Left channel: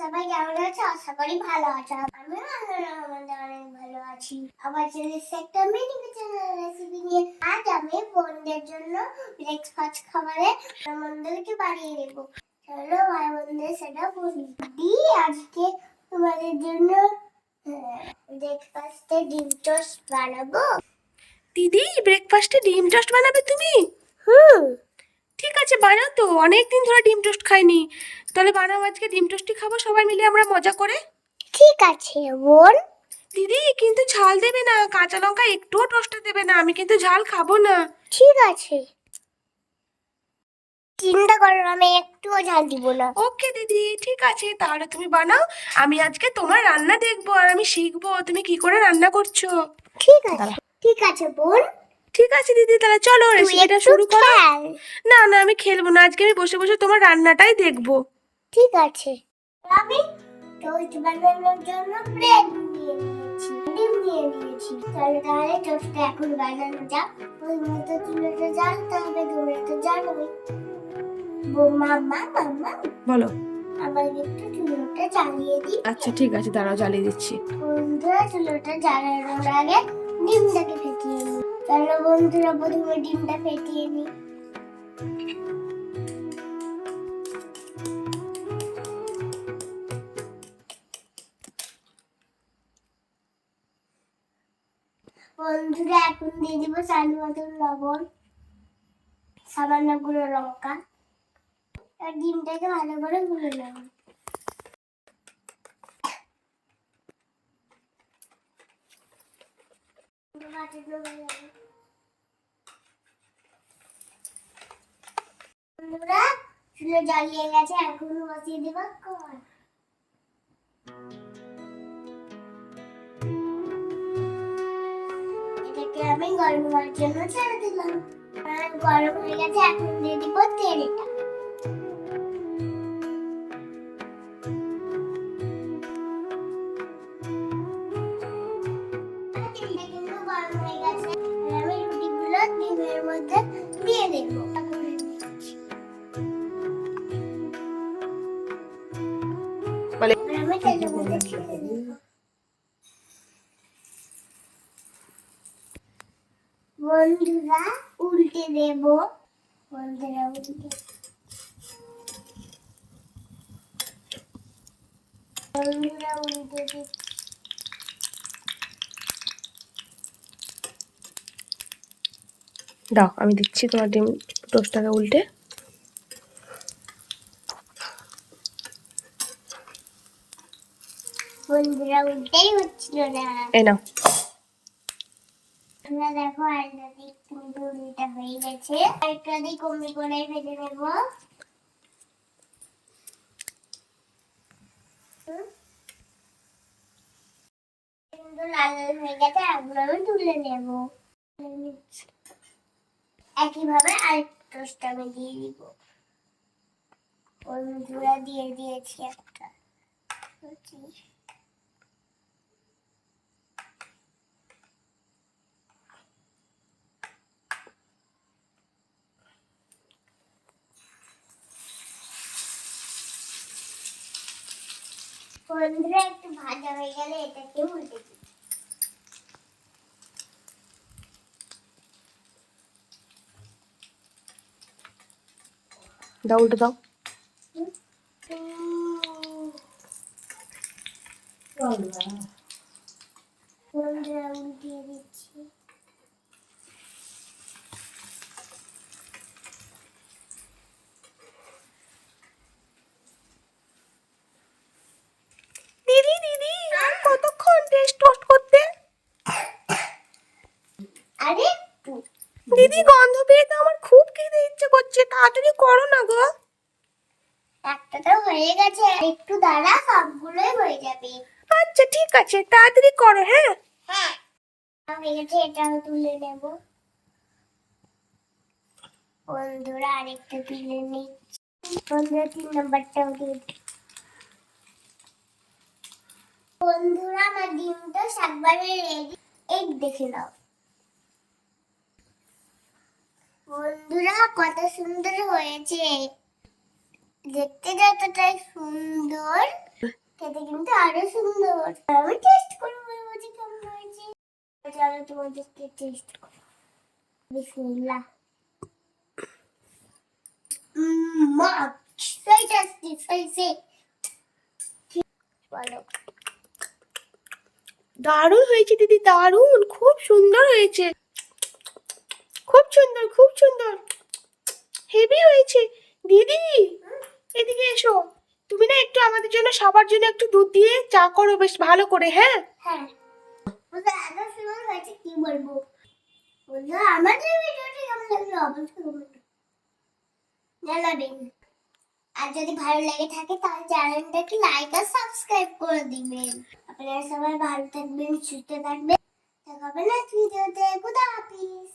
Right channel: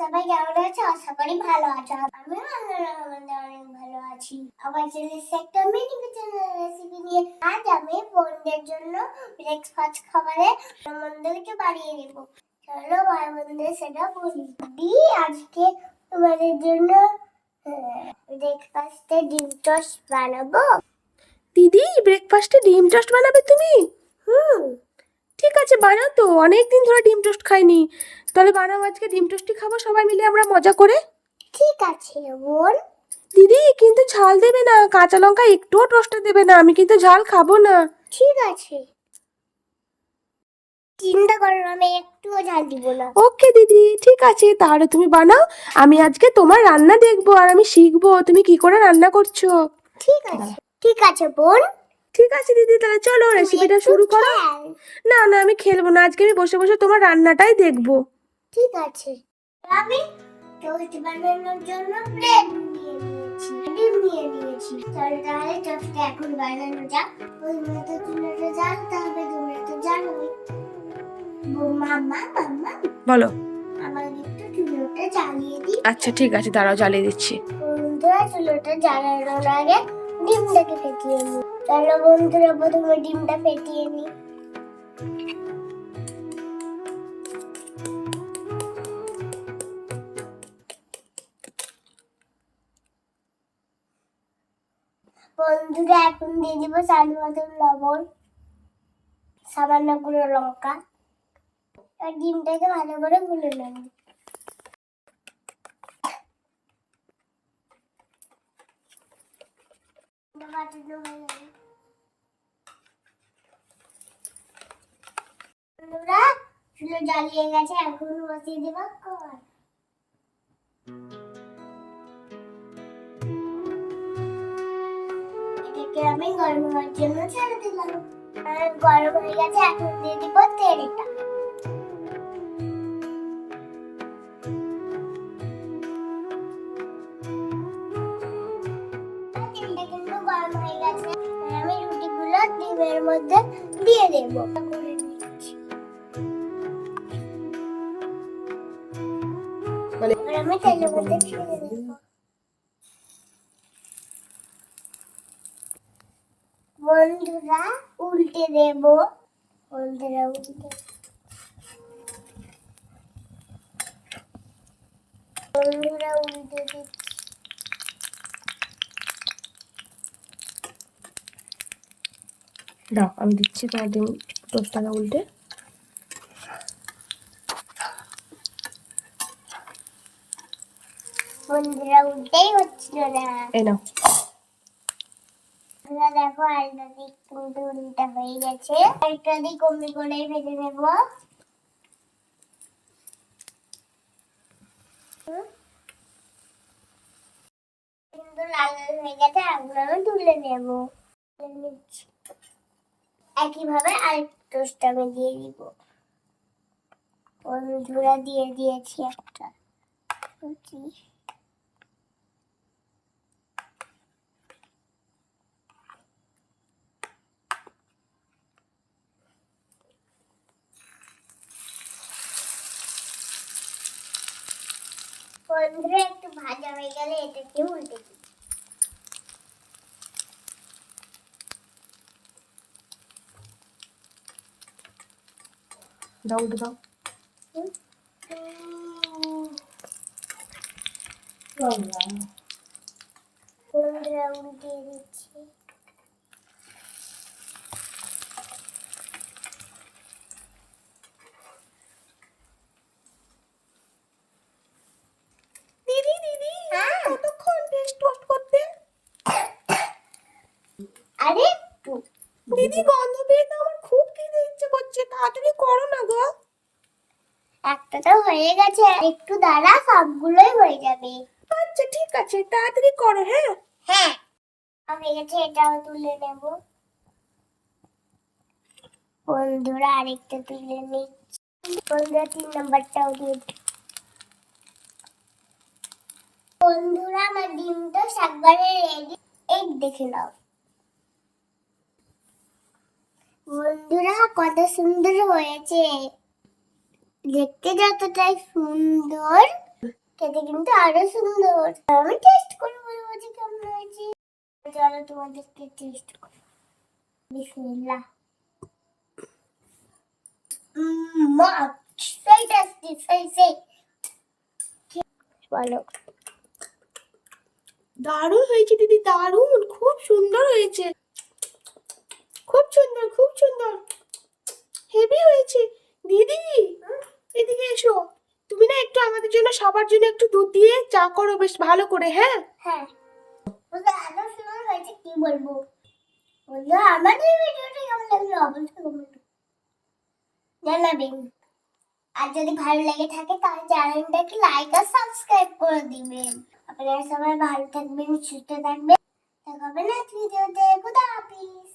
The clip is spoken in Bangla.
সবাই কেমন আছো? আশা করি ভালো আছো। আমিও আলহামদুলিল্লাহ অনেক ভালো আছি। আবার চলে এসেছি একটা মিনি কিচেনের রেসিপি নিয়ে। আজ আমি বোনদের জন্য ব্রেকফাস্ট খাবারে মন্দ কিছু বানিয়ে দেবো। চলো ভাই বোনদের সেটা বলি। আজকে তোমাদের জন্য ব্রেকফাস্টে ডিম টোস্ট বানাবো। দিদি, ব্রেকফাস্টে ডিম টোস্ট বানাবে তুমি? ঠিক আছে, বানাও তো। অনেক দিন ধরে ডিম টোস্ট খাইনি। তাহলে বানাও, আজকে ডিম টোস্টই খাবো সবাই মিলে আমরা মজা করে। ঠিক আছে বোন। দিদি কিন্তু ঝাল দেবে না, কাঁচা লঙ্কা একটুও টোস্টে দেবে না, আমি কিন্তু ঝাল খাবো না। ঠিক আছে, চিন্তা করো না, আমি একটুও ঝাল দিব না। ওকে দিদি, ঠিক আছে, তাহলে তুমি বানাও। আমি আজকে তোমার রান্না দেখবো আর আমি শিখবো তুমি কি করে রান্না করছো। ঠিক আছে বোন। ঠিক আছে দিদি, তাহলে চলো তুই রেসিপিটা একটু শুরু করো। খেল। না না, আমি খেলবো না, আজকে আমি বসে বসে তোমার রান্নাটাই দেখবো। ঠিক আছে। আমি টোস্ট বানানোর জন্য ব্রেড নিয়ে নিয়েছি, ডিম নিয়ে নিয়েছি। চলো তাহলে টোস্টটা এখন বানানো যাক। ওই মতো চুলাটা জ্বালতে হবে, তোমরা তো জানোই। মাম্মা মাম্মা বলো। আমার একটু চুলোটা জ্বালিয়ে দিই। আচ্ছা ঠিক আছে, দাঁড়াও, জ্বালিয়ে দিচ্ছি। বন্ধুরা চুলোটা জ্বালানোর আগে ডিমটাকে ফেটিয়ে নিই। চলো বন্ধুরা প্রথমে ডিমটা ফেটিয়ে নিই। বন্ধুরা এখন দিয়ে দিব স্বাদ মতন লবণ, সামান্য গুঁড়ো লঙ্কা, আর ডিমটাকে ভালো করে গুলে নেব। বন্ধুরা চুলো জ্বালিয়ে গেছে, এখন বসিয়ে দেব কড়াই। এটাকে আমি গরম হওয়ার জন্য ছেড়ে দিলাম। আর গরম হয়ে গেছে, এখন দিয়ে দিব তেলটা। তেলটা কিন্তু গরম হয়ে গেছে, আমি রুটিগুলো ডিমের মধ্যে দিয়ে দেবো। আমি তেলের মধ্যে ছেড়ে দেবো। বন্ধুরা উল্টে দেব। বন্ধুরা উল্টে দিচ্ছি। দাও, আমি দিচ্ছি তোমার ডিম টোস্টটাকে উল্টে। বন্ধুরা উল্টেই হচ্ছিল না। এই নাও। তোমরা দেখো আলটা দিক কিন্তু উল্টা হয়ে গেছে। একটা দিক কমে করে ফেলে দেব। কিন্তু লাল লাল হয়ে গেছে, এগুলো আমি তুলে নেব। একইভাবে আরেকটা টোস্ট আমি দিয়ে দিব। বন্ধুরা দিয়ে দিয়েছি একটা। বন্ধুরা একটু ভাজা হয়ে গেলে এটাকে উল্টে দিই। দাও, উল্টে দাও। বন্ধুরা উল্টে দিচ্ছি। দিদি দিদি, আর কতক্ষণ টোস্ট করতে? আরে দিদি, গন্ধ পেয়ে তো আমার খুব খেতে ইচ্ছে করছে, তাড়াতাড়ি করো না গো। একটা তো হয়ে গেছে, একটু দাঁড়া, সবগুলোই হয়ে যাবে। আচ্ছা ঠিক আছে, তাড়াতাড়ি করো। হ্যাঁ হ্যাঁ হয়ে গেছে, এটাও তুলে নেব। বন্ধুরা আরেকটা তুলে নিচ্ছি। বন্ধুরা 3 নাম্বারটাও দিয়ে দিই। বন্ধুরা আমার ডিমটা একবারে রেডি, এই দেখে নাও। বন্ধুরা কত সুন্দর হয়েছে, দেখতে যতটাই সুন্দর খেতে কিন্তু আরো সুন্দর। আমি টেস্ট করে বলবো যে কেমন হয়েছে। চলো তোমাদেরকে টেস্ট করো। বিসমিল্লাহ। মা, সেই টেস্টি, সেই বলো। দারুণ হয়েছে দিদি, দারুণ, খুব সুন্দর হয়েছে, খুব সুন্দর, খুব সুন্দর, হেভি হয়েছে। দিদি এদিকে এসো, তুমি না একটু আমাদের জন্য সবার জন্য একটু দুধ দিয়ে চা করো বেশ ভালো করে, হ্যাঁ? হ্যাঁ, ওটা এত সুন্দর হয়েছে কি বলবো। বন্ধুরা, আমাদের ভিডিওটি কেমন লাগলো অবশ্যই কমেন্ট জানাবেন। আর যদি ভালো লেগে থাকে তাহলে চ্যানেলটাকে লাইক আর সাবস্ক্রাইব করে দিবেন। আপনারা সবাই ভালো থাকবেন, সুস্থ থাকবেন। দেখা হবে নেক্সট ভিডিওতে। খুদা হাফিজ।